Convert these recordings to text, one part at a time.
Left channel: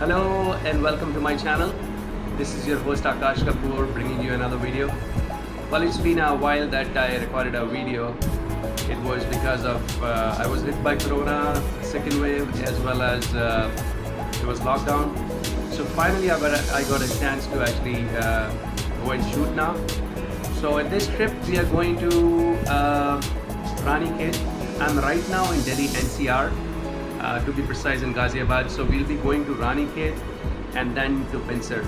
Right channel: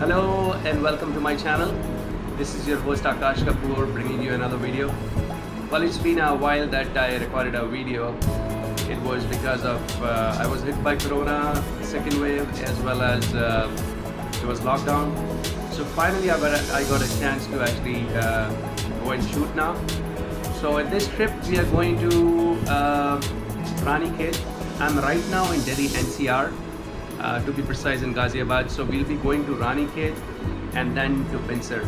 Hello and welcome to my channel. This is your host Akash Kapoor bringing you another video. Well, it's been a while that I recorded a video. It was because of I was hit by Corona, second wave, as well as it was lockdown. So finally I got a chance to actually go and shoot now. So at this trip we are going to Ranikhet. I'm right now in Delhi NCR. To be precise, in Ghaziabad. So we'll be going to Ranikhet and then to Pinsar.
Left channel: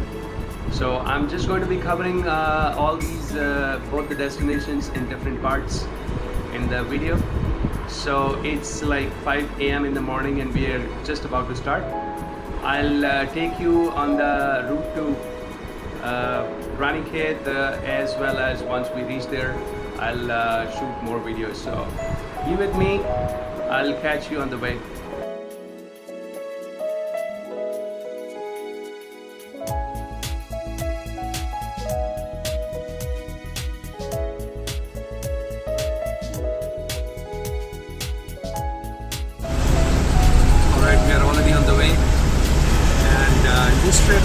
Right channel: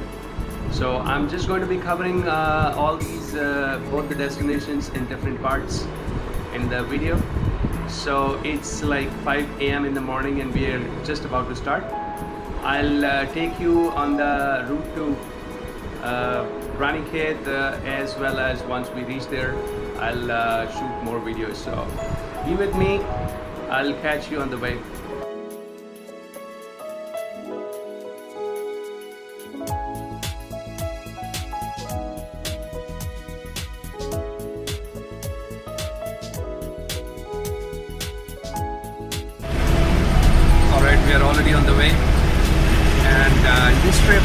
So I'm just going to be covering all these both the destinations in different parts in the video. So it's like 5 a.m. in the morning and we are just about to start. I'll take you on the route to Ranikhet as well as once we reach there I'll shoot more videos. So be with me. I'll catch you on the way. We are already on the way, and in this trip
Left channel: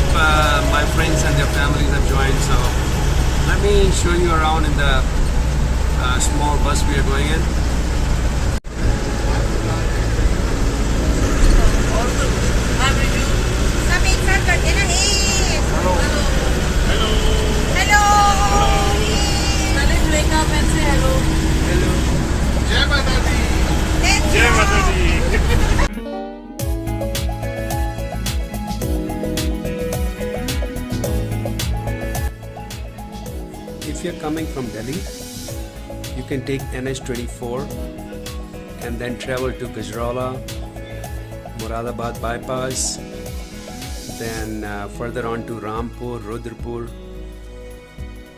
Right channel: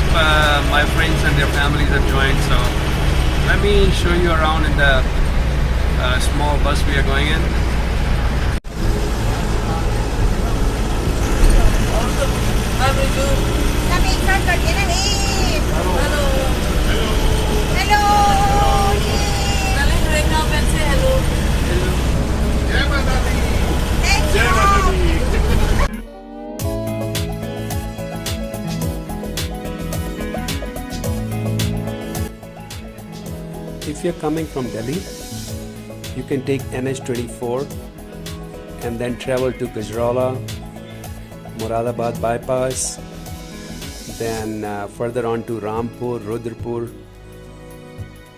my friends and their families have joined, so let me show you around in the small bus we are going in. If you're coming from Delhi, you can take NH24 and then travel to Gajrala, Moradabad bypass, then further on to Rampur, Rudrapur,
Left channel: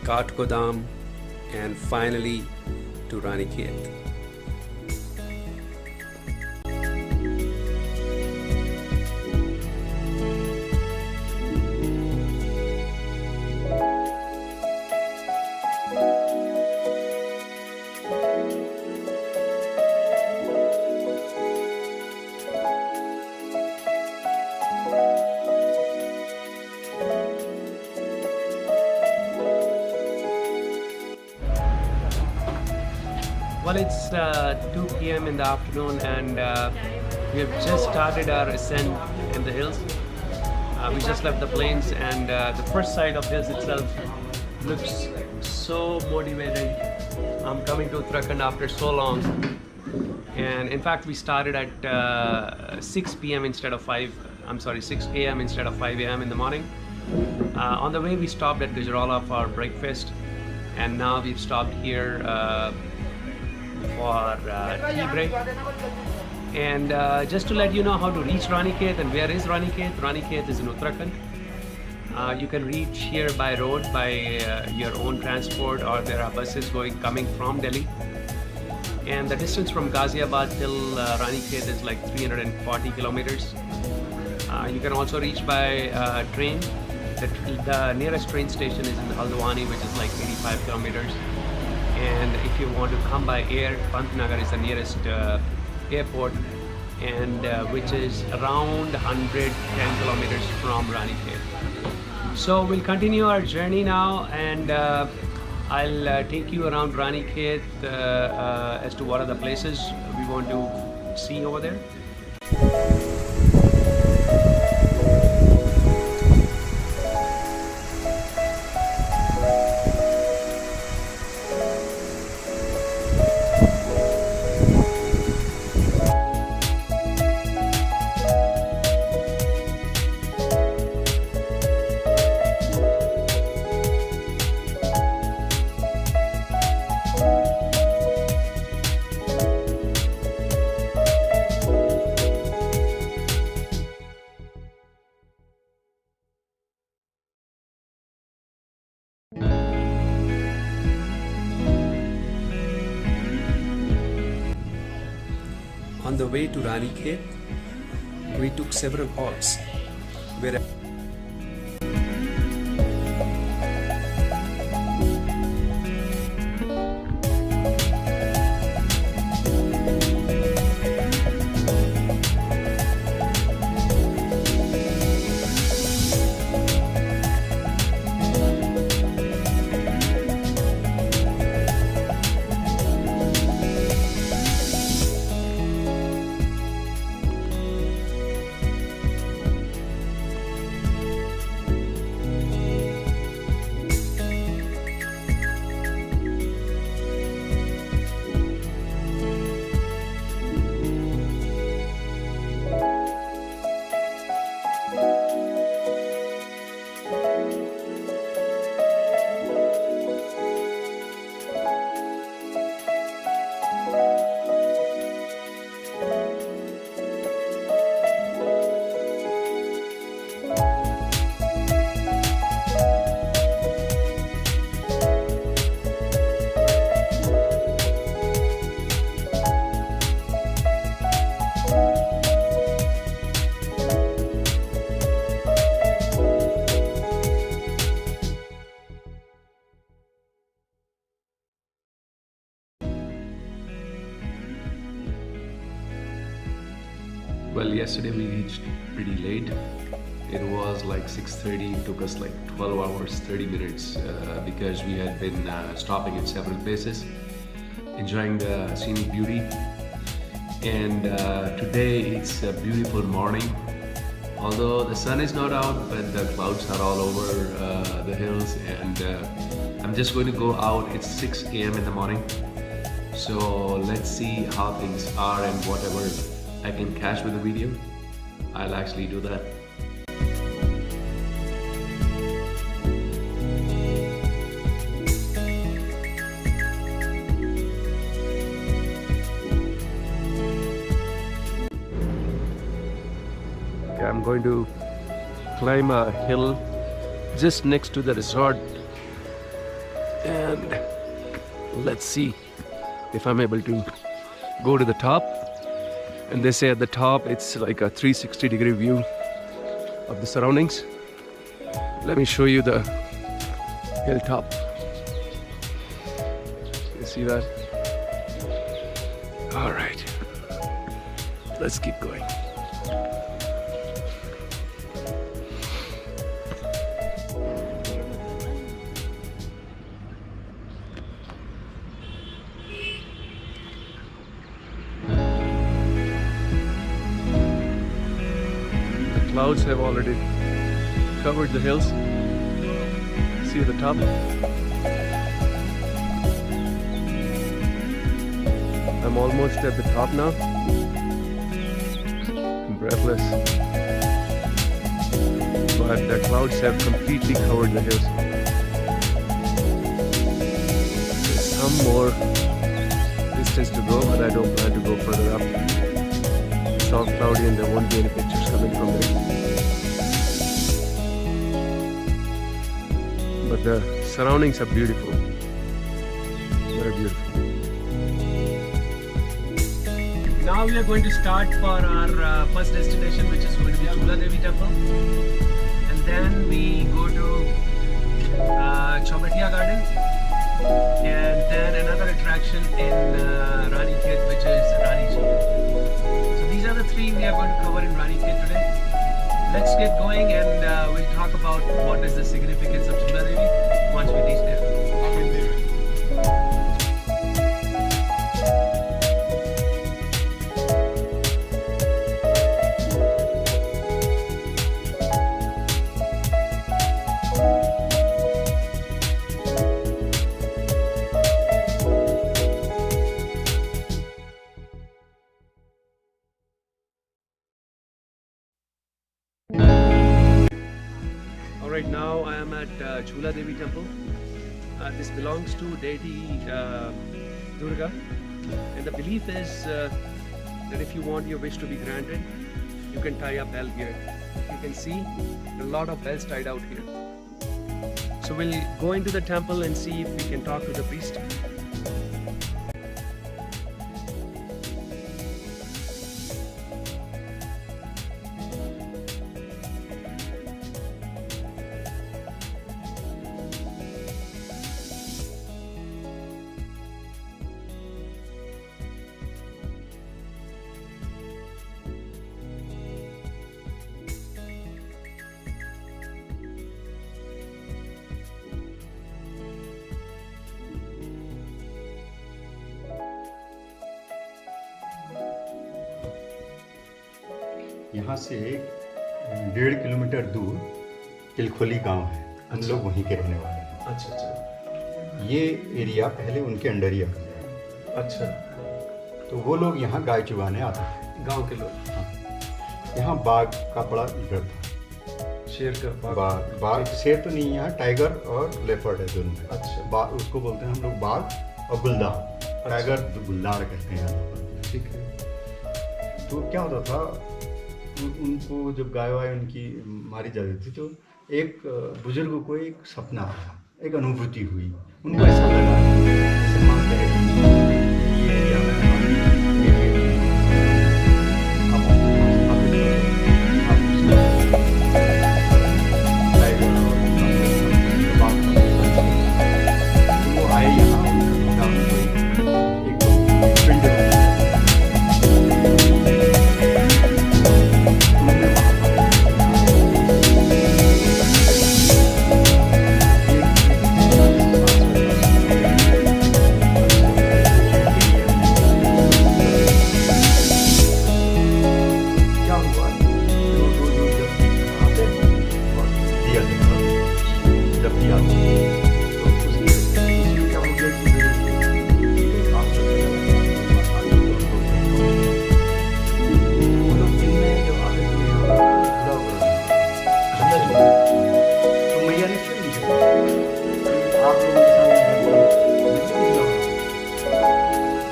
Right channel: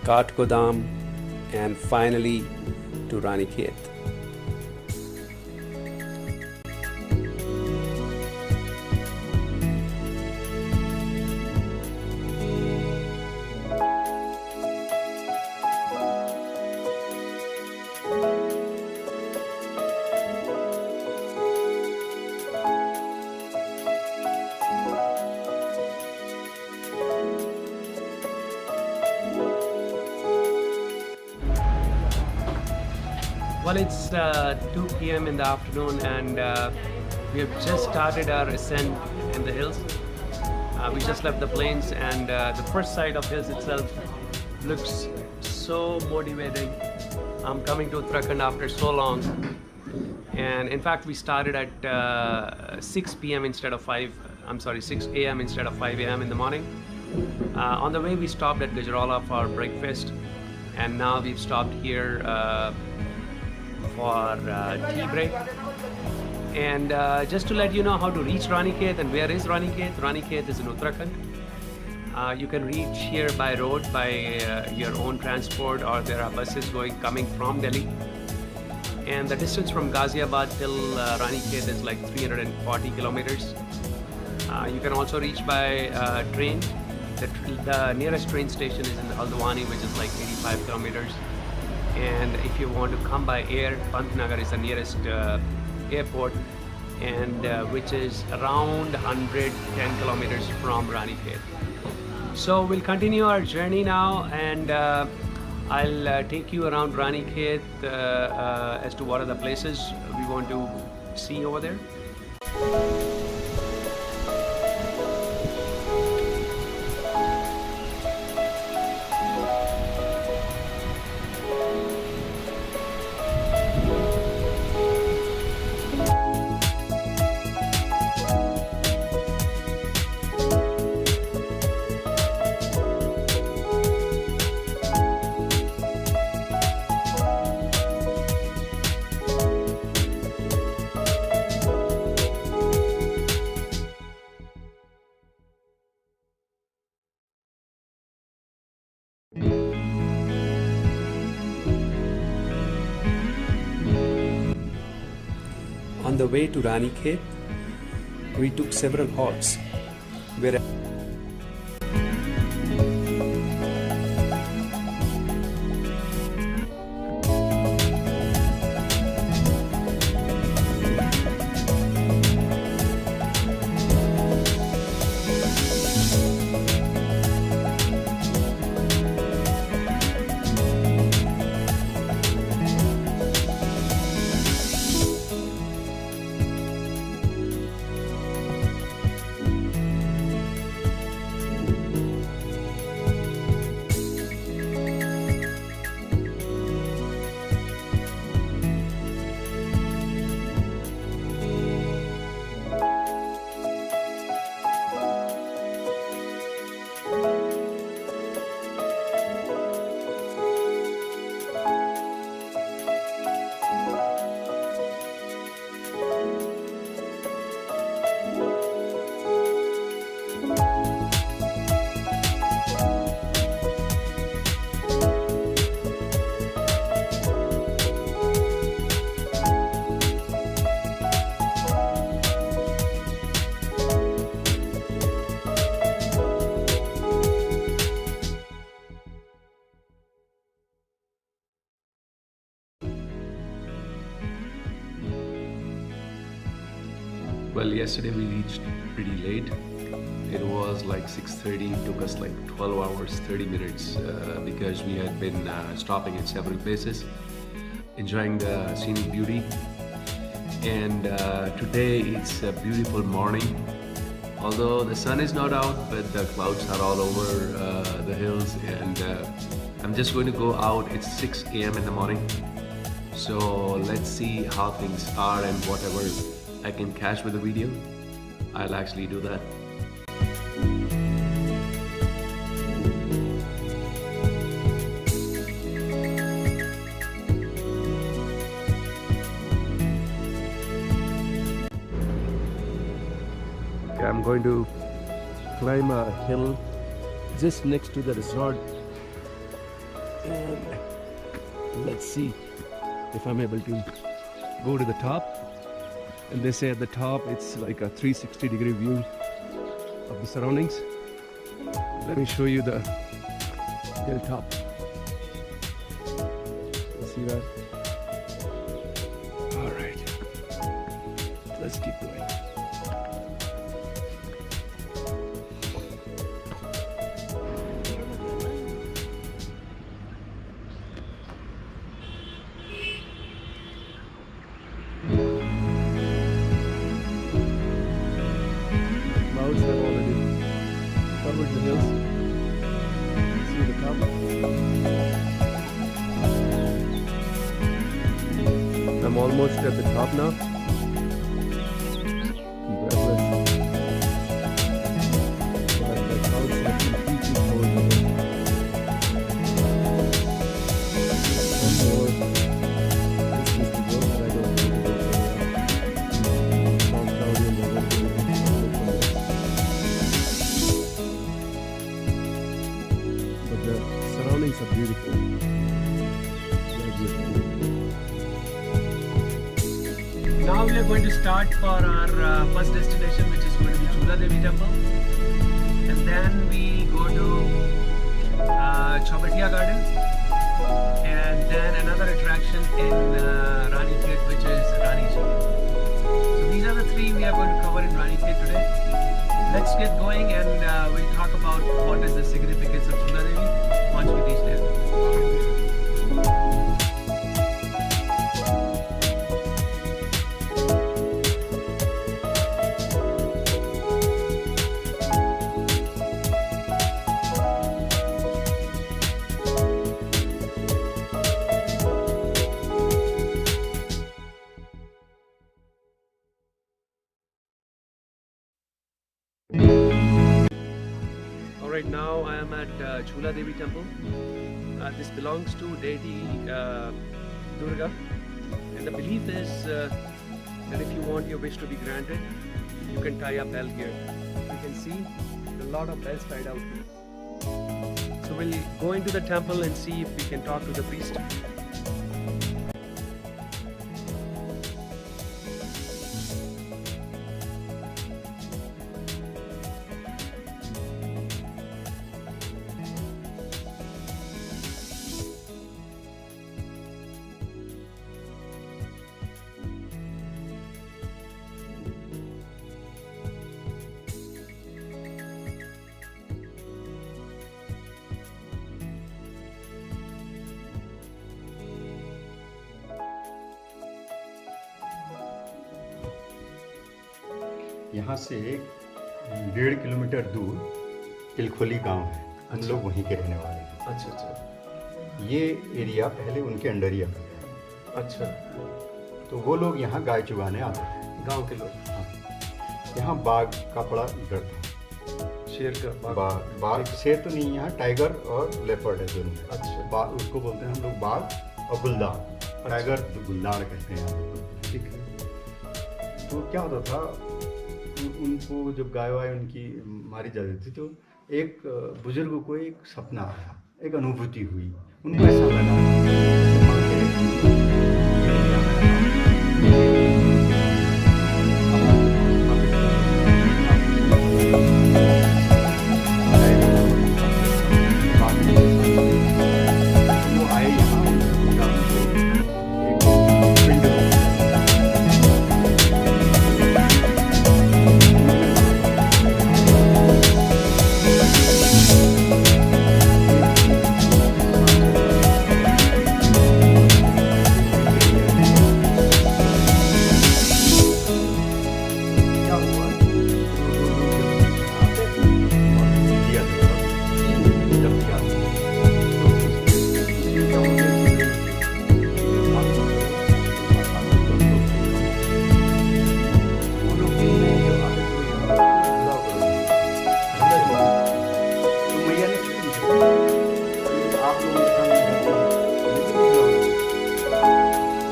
Kathgodam, and finally to Ranikhet. Well, it's 2 p.m. in the afternoon and we have just started our ascent in the hills. We just left the plains and the first side of hills itself looks so motivating. I'm coming to Uttarakhand after so long, and in fact we started at 6 p.m. instead of 6 a.m. instead of 5 a.m. in the morning. On the way we stopped at Gajrala for breakfast, and now we've stopped here for tea break. And just to let you know how to reach Ranikhet and where is Ranikhet. Ranikhet is in Uttarakhand. You can reach here by road by your own transport, or there are buses coming from Delhi. And the distance from Ghaziabad till Ranikhet is like 340 kilometers. You can also reach by train. The nearest train station is in Haldwani, which is like 85 kilometers. And if you want to come by air, Pantnagar is the nearest airport, and which is around 110 kilometers from Ranikhet. So we'll continue our journey now, and I'll take you around Ranikhet as to what are the places we want to see over there. On the way to Ranikhet, we took several halts where Well, yesterday we reached pretty late. It was like 6:30. It took us like 12 hours, 30 minutes because we had been stopping at several places, enjoying the scenic beauty. And today it's a beautiful morning. Although the sun is not out, but the clouds are all over the hills, and I'm just going to go out. It's 6 a.m. in the morning. So let's see how things are, and whatever I can catch with the video, I'll actually do that. Okay, I'm going to climb a hill just next to the resort, and let's see if I'm able to go to the top. And they say at the top it's like a 360-degree view of the surroundings. Let me show you the hilltop. You see that? All right, let's keep going. Clouds have already covered the hills. See the top? I'm almost at the top now. I'm breathless. But the clouds have completely covered the hills. There's some more distance to go, but I don't plan to go further up. It's all cloudy and there won't be any pictures coming from there. But the surroundings are beautiful. Very beautiful. Now we are going to start for our first destination, which is going to be Chula Devi Temple. And then we go to Chaubatia Garden. And then another attraction in Ranikhet, which is Rani Jheel. So these are the three we are going to cover in Ranikhet today. Let's get going, and we'll talk about what is the significance of Chula Devi once we reach there. Alright, now I am at Chula Devi Temple. This belongs to deity Durga, and the belief is that if you want your wish to be granted, you can tie a bell here. If you can see, there are a lot of bells tied out here. So we'll go into the temple and see if we can talk to the priest. यहाँ से 1.5 kilometre दूर तिलखोली गांव है। हम लोग वहीं के रहने वाले हैं। अच्छा अच्छा। ये एरिया पहले उनके अंडर ही आता था। अच्छा। तो वो लोग यहाँ गाय चुगाने आते थे, गांव के लोग। हाँ। यहाँ बाघ का बड़ा डर था। शेर का? बाघ शेर तो नहीं, यहाँ टाइगर और लेपर्ड है दोनों। अच्छा। उसको बोलते हैं हम लोग बाघ और गुलदार। टाइगर गुलदार कहते हैं यहाँ लोग। ठीक है। तो क्या होता था, उनको जब गाय वाय उनकी मारी जाती थी तो एक बुजुर्ग को एक सपना आया, एक अनुभूति हुई। उनको ऐसा लगा जैसे मान के ये एरिया में आप स्थापित करो, आप तो वो आए यहाँ, उन्होंने ढूंढा उनको एक पिंड के सामने रहती है, देखिए कुछ लोग,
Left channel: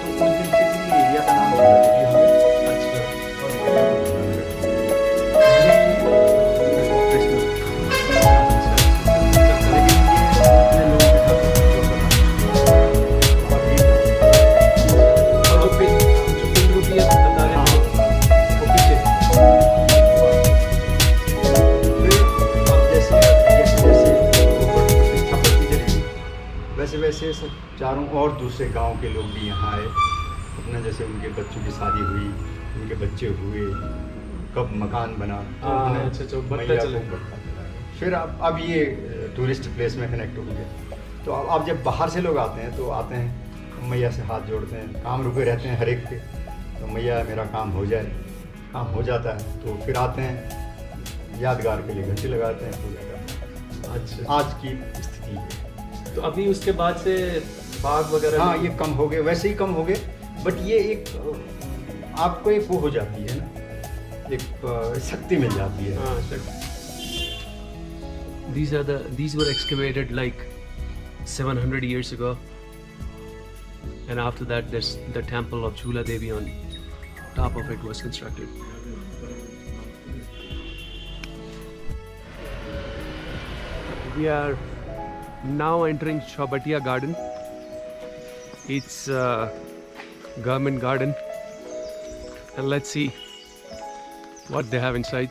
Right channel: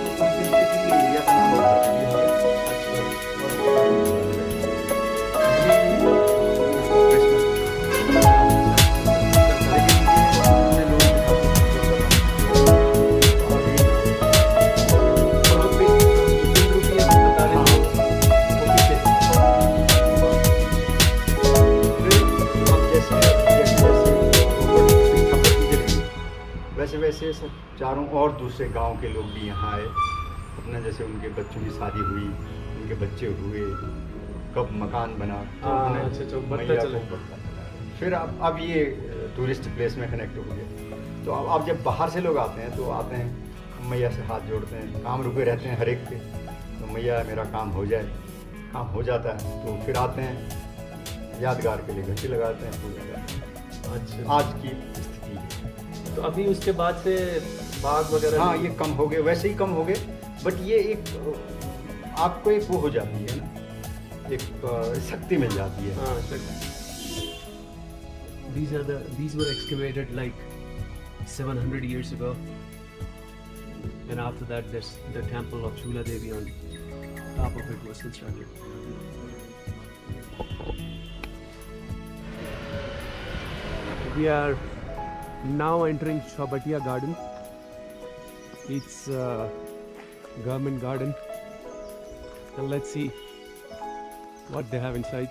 तो उस दिन से फिर ये एरिया का नाम झूला देवी हो गया। अच्छा। और झूला देवी पहले वो ऑपरेशनल, लेकिन ये इतने लोगों के साथ जो करना मुश्किल है, तो अब ये और जो पिन रूपी बता रहे हैं वो पीछे। फिर अब जैसे जैसे वो प्रतिष्ठा बढ़ती चलेगी, वैसे वैसे सब चारों और दूसरे गांव के लोग भी यहाँ आए, अपना जैसे उनके बच्चों की शादी हुई, उनके बच्चे हुए, कब मकान बना, तो उन्हें अच्छा, बढ़ता मैया को चला। बढ़ता चला गया। फिर अब ये टूरिस्ट प्लेस में कनेक्ट हो गया। तो अब जब बाहर से लोग आते हैं तो आते हैं मैया से हाथ जोड़ते हैं, काम रुके रहते हैं हर एक के, तो मैया मेरा काम हो जाए, काम हो जाता है तो फिर आते हैं, यादगार के लिए घंटी लगाते हैं, पूजा करते हैं। अच्छा। आज की स्थिति है। तो अभी उसके बाद से बाग वगैरह हाँ, नहीं- ये कम हो गए, वैसे ही कम हो गए, बट ये एक आपको एक वो हो जाती है ना, एक शक्ति मिल जाती है। हाँ, sure. These were excavated like 700 years ago, and after that, there's the temple of Chula Devi on top of it was constructed. We are now entering Chaubatia Garden. It's a government garden, and let's see what they have inside.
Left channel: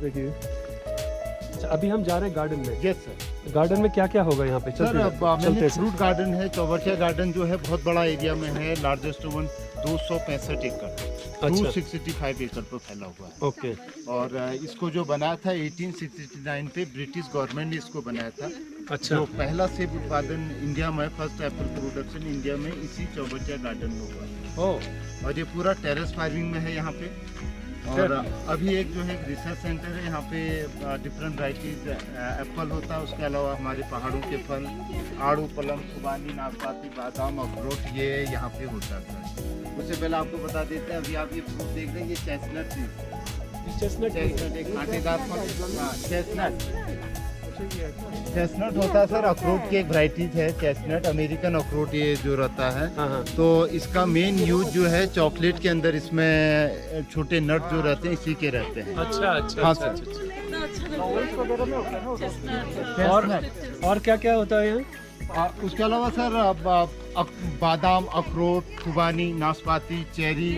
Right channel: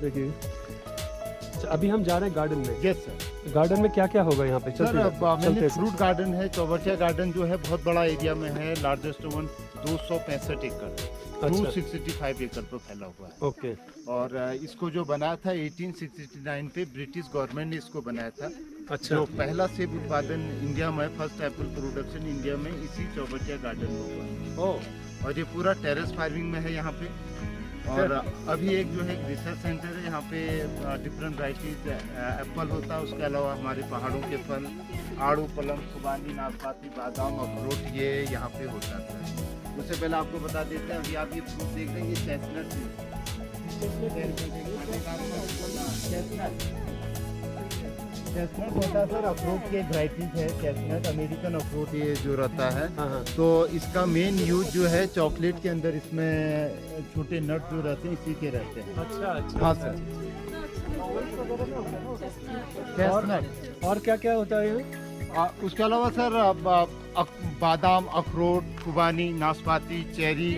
देखिए, अच्छा, अभी हम जा रहे हैं garden में। Yes sir. Garden में क्या क्या होगा यहाँ पे? सर अब चलते मैंने हैं। फ्रूट गार्डन है, चौबटिया गार्डन जो है बहुत बड़ा एरिया में है, लार्जेस्ट वन 265 एकड़, 265 एकड़ पर फैला हुआ है। ओके। और इसको जो बनाया था 1869 पे ब्रिटिश गवर्नमेंट ने इसको बनाया था। अच्छा। जो पहला सेब उत्पादन इंडिया में, फर्स्ट एप्पल प्रोडक्शन इंडिया में इसी चौबटिया गार्डन में हुआ। ओह। और ये पूरा टेरेस फार्मिंग में है यहाँ पे। और अभी एक जो है रिसर्च सेंटर है यहाँ पे, डिफरेंट वैराइटीज एप्पल होता है, उसके अलावा हमारे पहाड़ों के फल, आड़ू, पलम, खुबानी, नाशपाती, बादाम, अखरोट, ये यहाँ पे होता है। उससे पहले आपको बता देते हैं, अभी आप ये फ्रूट देख रहे हैं, ये चेस्टनट ट्री, चेस्टनट एक कांटेदार फल, चेस्टनट होता है सर, अखरोट की एक वैराइटीज है चेस्टनट, अमेरिकन अखरोट ये जो रहता है। हाँ, हाँ। तो इसका मेन यूज जो है चॉकलेट के अंदर, इसमें छोटे नट जो रहते हैं इसी के रहते हैं। अच्छा अच्छा। हाँ, अच्छा, सर। अच्छा। चेस्टनट। और क्या क्या होता है यहाँ? उसके अलावा सर बादाम, अखरोट, खुबानी, नाशपाती, चेरी,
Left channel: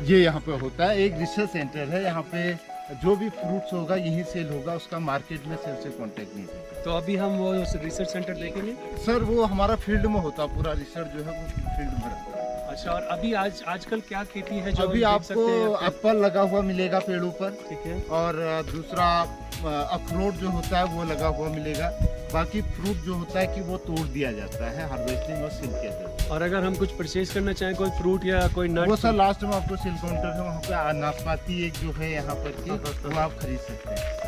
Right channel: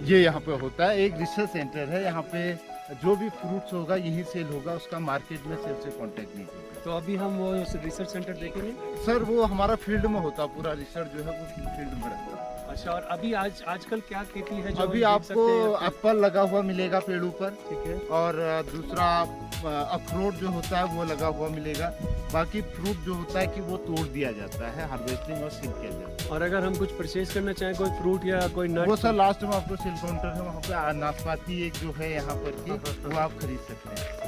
ये यहाँ पे होता है। एक रिसर्च सेंटर है यहाँ पे, जो भी फ्रूट्स होगा यहीं सेल होगा, उसका मार्केट में सेल से कांटेक्ट नहीं होगा। तो अभी हम वो रिसर्च सेंटर देखेंगे। सर वो हमारा फील्ड में होता, पूरा रिसर्च जो है वो फील्ड में रहता है। अच्छा। और अभी आजकल क्या खेती है जो अभी हम देख आपको सकते हैं या फिर- एप्पल लगा हुआ मिलेगा पेड़ों पर, ठीक है। और दूसरा अखरोट जो होता है वो लगा हुआ मिलेगा। बाकी फ्रूट जो होता है कि वो तोड़ दिया जाता है, हार्वेस्टिंग और सेल किया जाता है। और अगर हम कुछ परचेज करना चाहें, कोई फ्रूट या कोई नट, वो सर लास्ट में आपको सेल काउंटर है, वहाँ पे नाशपाती एक जो है यहाँ पर की, वो आप खरीद सकते हैं।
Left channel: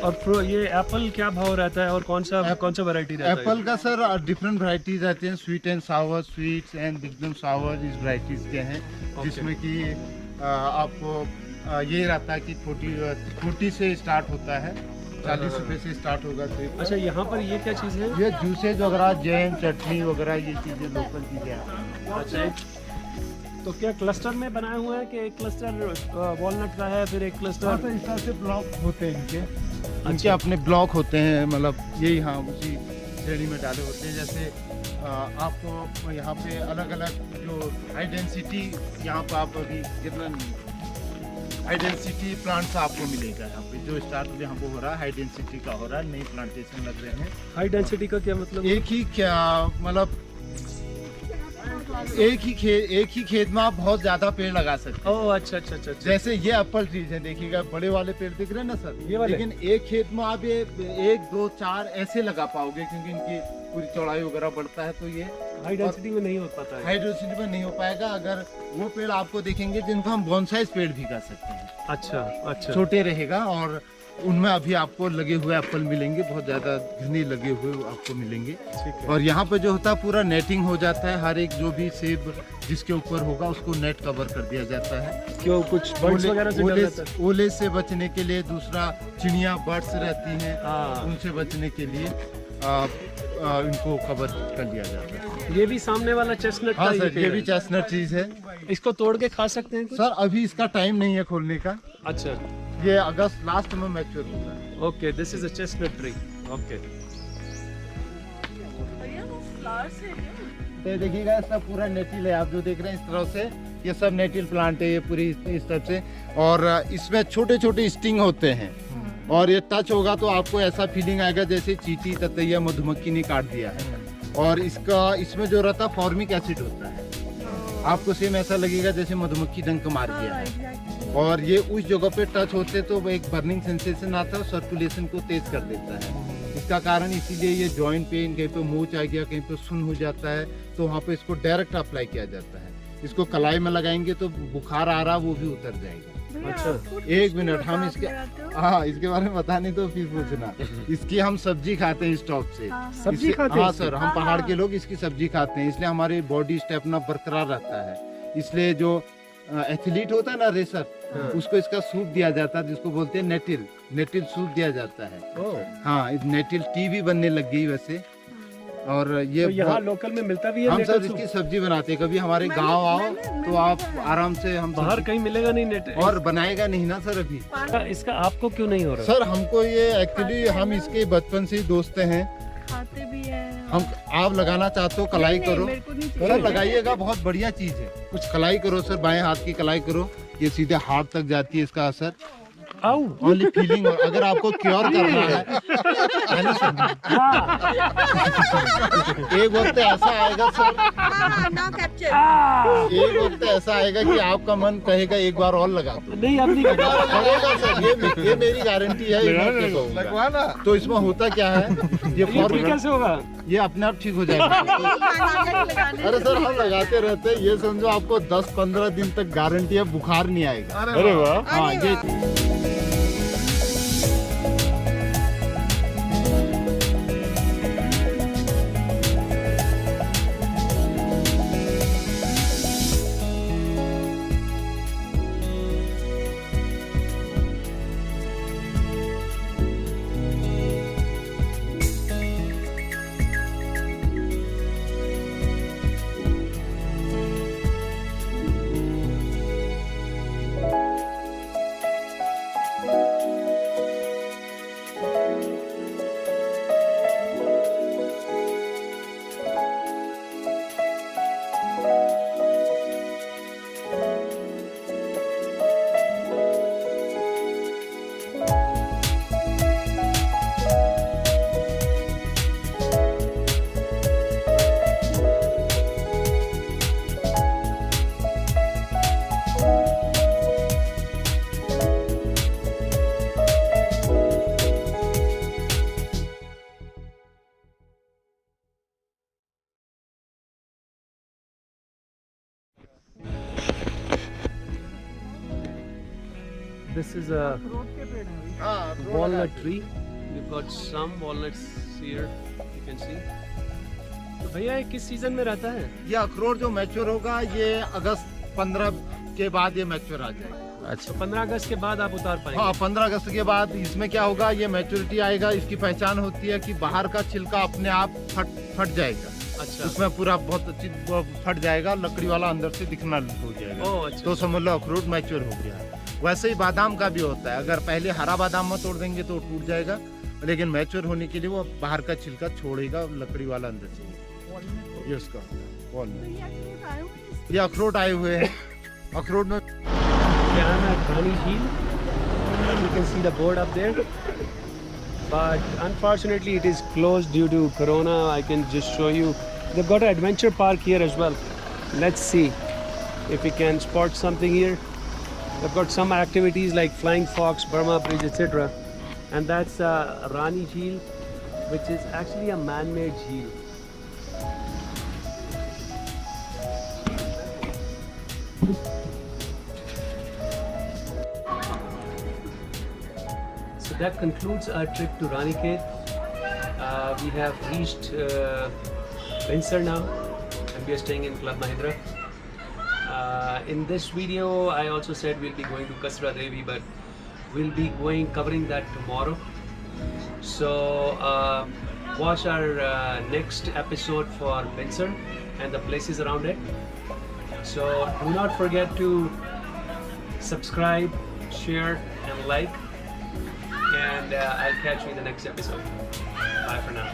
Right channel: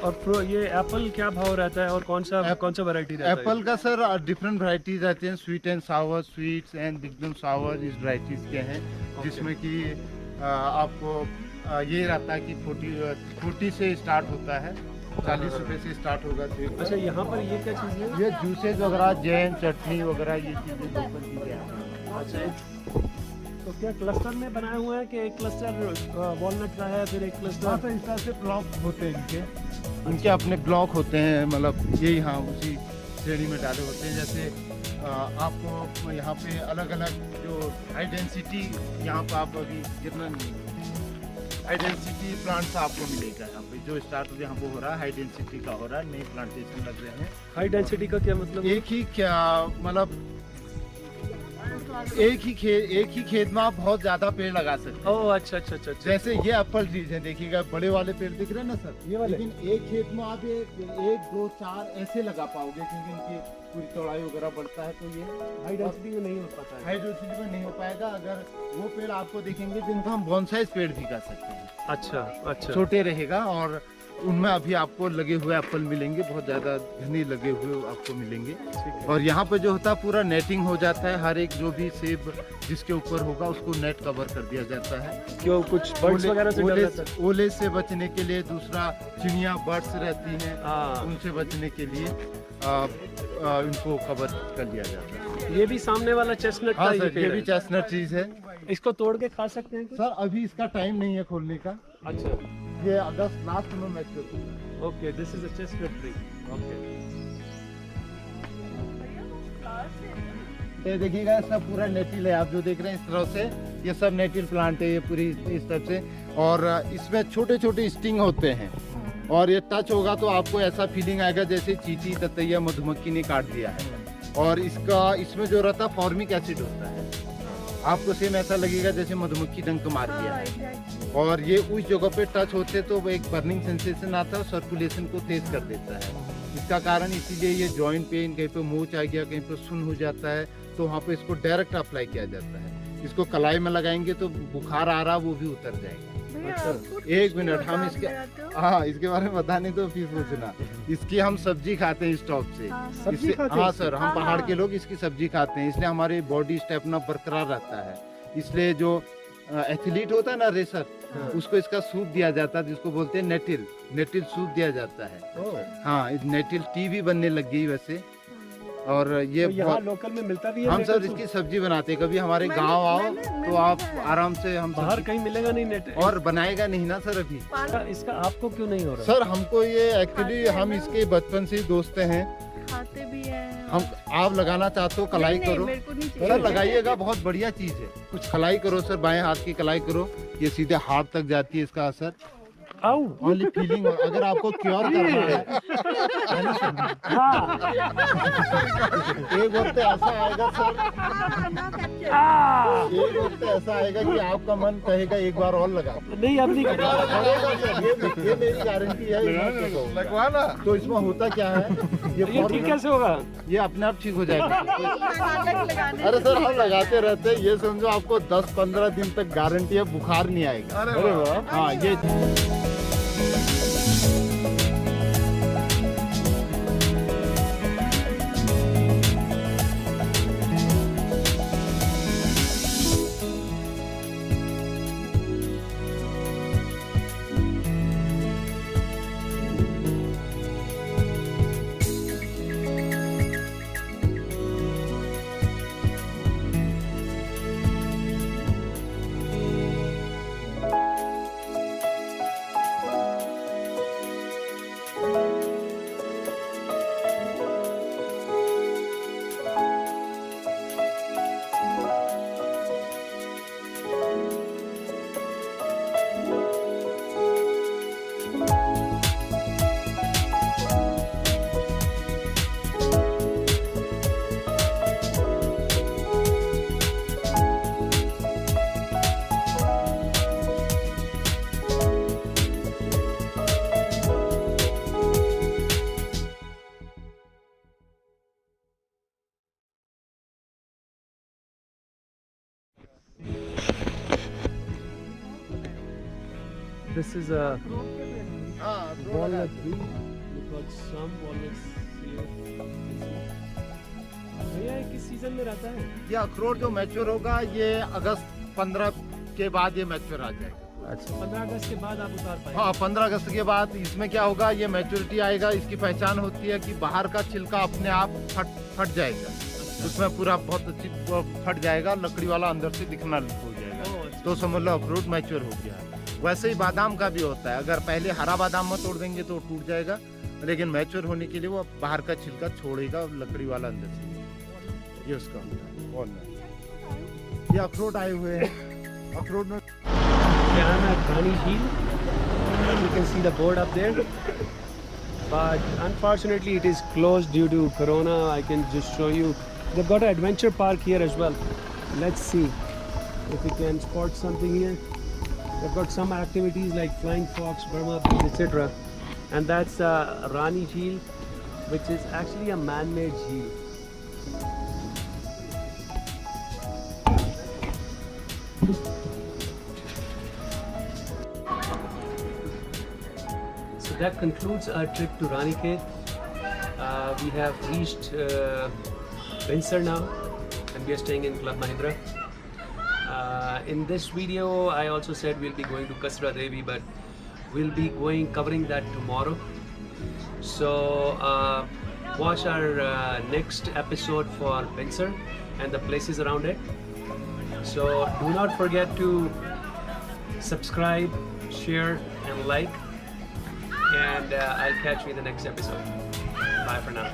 और ये एप्पल क्या भाव रहता है और कौन सा वैरायटी रहता है? एप्पल का सर डिफरेंट वैरायटीज रहते हैं, sweet and sour, sweets and बिगडम सावर, इस वैरायटीज के हैं, जिसमें कि आपको ये रहता है कि 40 से स्टार्ट होता है, 40 रुपए से स्टार्ट होगा सेब। अच्छा, यहाँ पर ये क्या चीज़ है? ये जूसेज वगैरह, जैम, चटनी वगैरह, ये चीज़ें लोकल चीज़ें हैं। अच्छा। तो क्या क्लस्टर में बनाए हुए हैं कि एक क्लस्टर वॉलनट का है, फिर एक क्लस्टर? इस तरह से ब्लॉक होते हैं इनके अपने ब्लॉक होते हैं, मतलब ये यहाँ उसी श्रेणी में डाले होते हैं। जैसे आपको यहाँ पे अलग अलग जो हाई डेंसिटी, यहाँ पर आप अभी गिरना नहीं, हाई डेंसिटी प्लांट्स आपको मिलेगा यहाँ पे, जो स्टार्ट यहाँ पे हो रहा है हाई डेंसिटी का हो रहा है, नई प्लांटेशन लग रहे हैं। हाई डेंसिटी का क्या मतलब? एक ही क्या मतलब, एक ही खेत में आप बहुत ज्यादा पेड़ लगा सकते हैं। ओह, अच्छा अच्छा अच्छा। जैसे ये एप्पल ट्रीज है, देखिएगा बड़े वाले पेड़ दिख रहे हैं ना सर, ये वाले? लेकिन एक खेत में आप ये 1, 2, 4 ऐसे लगा पाओगे, क्योंकि इनकी पूरी चौड़ाई वगैरह बढ़ता है, तो ये हाई डेंसिटी में नहीं हो पाता है। हाई डेंसिटी में नहीं हो पाएगा। अगर वो पेड़ आपको देखेंगे जिनको हम बॉन्साई पेड़ भी कर सकते हैं, अच्छा अच्छा। छोटे रहेगा और उनमें अभी आपको लगे हुए एप्पल मिलेंगे, बहुत ज़्यादा घने लगे हुए आपको मिलेंगे। ठीक है। और यहाँ पे जो होता है पूरा नेटिंग हो जाता है, हर एक जो भी सेब जिसके ऊपर होगा उसको नेट कवर कर दिया जाता है। क्यों कुछ बर्ड्स वगैरह से डर रहता है? ओले से बचने के लिए, दूसरा चिड़िया बर्ड्स रहती हैं हाँ। उनसे बचने के लिए इनको कवर कर लिया जाता है। ये भी सामने वाला चेस्टनट हाँ का सर, ये पेड़ भी है। चेस्टनट चीज है। इसको तोड़ के खा सकते हैं कुछ? सर अभी इसका टाइम नहीं है खोलने का, अच्छा, ये अगस्त लास्ट में मैच्योर होता है। Okay, this is a chestnut tree. Okay, ये देखिएगा सब पूरा नेटिल है, आप जो देख रहे हैं इस तरह से, ये सब नेटिल प्लांट है, ये पूरी इस तरह से। और इसमें छोटे छोटे स्टिंग होते हैं और ये टच होगा तो आपको ऐसा फीलिंग आएगा जैसे चींटी, ततैया, मधुमक्खी ने काट दिया है। और इसमें जो रहता है फॉर्मिक एसिड होता है, आपको सेम ऐसा लगेगा जैसे मधुमक्खी डंक मार दिया है। और ये उस जगह पे टच होते तो एक बर्निंग सेंसेशन आता है, सर्कुलेशन को तेज कर देता है। इसका कारण इसीलिए ये जॉइंट पेन, कहीं पे मोच आ गया, कहीं पे सुन हो जाता है, तो वहाँ पे इसको डायरेक्ट अप्लाई किया जाता है। इसको कलाई में लगाएंगे तो बुखार आ रहा वो भी उतर जाएगा। अच्छा, एक मिनट, हम इसके इसके बारे में बताने तो फिर पूछना। इसकी हम सब्जी खाते हैं स्टॉक से। सब्जी खाते हैं हाँ इसकी? सर, हम पहाड़ के लोग इसकी सब्जी खाते हैं, इसलिए हमारी बॉडी स्टेमिना बरकरार रहता है। इसलिए जो एथलीट होता है ना, रेसर, उसको इसका सूप दिया जाता है जिसको बोलते हैं नेटिल सूप दिया जाता है। ओह, हाँ, नेटिल टी भी बनने लग गई वैसे। और ये तो यहाँ लोकल में मिलता भी है? हम नेटल सर सूप? इसकी सब्जी बनाते हैं, कभी हमारे गांव आओ तो आप आराम से हम बाहर सब्जी- कहीं मिलेगा नहीं नेट? और बनाएगा नहीं ना सर अभी। इसका आपको क्यों नहीं हो रहा? सर हमको ये एक्चुअली खाते हैं हम ना। इसके बचपन से ही दोस्त हैं। खाते भी हैं। हम आप लगाना चाहते हो कलाई नहीं, करो मेरे को नहीं सर, चाहिए। लगाइएगा, बहुत बढ़िया चीज है। कुछ कलाई करो सर, बाएं हाथ की कलाई करो, ये सीधे हाथ तक जाती है इसका असर। आओ, ओनली फीलिंग, अगर आपको क्योर करना है ना सर, एक वक्त ऐसा आएगा सर, हाँ, now capture। एक वक्त ऐसा आएगा कि आपका मन कहेगा एक बार और लगा दो। नहीं अब नहीं करता। करेगा सर, ये मेरी गारंटी है, ये मैं आपको कहूंगा। लगवाना। तो इसमें होता क्या है, ये ये ठीक फॉर्म कैसे होगा? ये अपने आप ठीक हो जाएगा। लगाने अरे सर हम लगाते रहते हैं, ये समझो आपको 10-15 दिन तक गारंटी है, बुखार नहीं आएगा। अरे वाह, हाँ ये this is a हाँ, walnut tree. We've got some walnuts here. You can see. तो भैया ये किस सीजन में रहता है? ये अखरोट जो मैच्योर होगा ये अगस्त 15 के बाद ये मैच्योर आ जाएगा। अच्छा, 15 अगस्त के बाद आप उतार पाएंगे? हाँ, 15 अगस्त के बाद इसमें क्या होगा, ये मैच्योरिटी आएगा। इसकी पहचान होती है कि बाहर का छिलका अपने आप फट जाएगा। अच्छा, उसमें पूरा बहुत अच्छी फट जाएगा, लकड़ी वाला अंदर से दिखना हो जाएगा। ओह अच्छा, तो समझ लो अखरोट मैच्योर हो गया है। वैसे ही बादाम का भी होता है, अगर पहले हरा बादाम में तोड़ देंगे तो टूट जाएगा, लेकिन मैच्योर होने के लिए वो बाहर का छिलका छोड़ेगा, लकड़ी वाला अंदर से निकलेगा। ये उसका होता है वॉलनट। ये अखरोट आए हुए हैं। अखरोट में यहाँ है Rani Jheel. You can see the board up there. But unfortunately it is closed due to Corona. I can just show you. They've got an adventure park here as well. Let's see if we can spot something here. They've got some activities like Flying Fox, Burma Bridge, etc. And that's Rani Jheel, which is actually a man-made jheel. So So that concludes our trip to Ranikhet. We have reached Binsar now, and we are staying in Club Mahindra. In this video, I also said we'll be going to Kasra Devi, but we'll be covering that tomorrow. So watch our next episode for Binsar and the places around it. So do not forget to subscribe, share, and like. And I'll catch you in the next episode. Bye for now.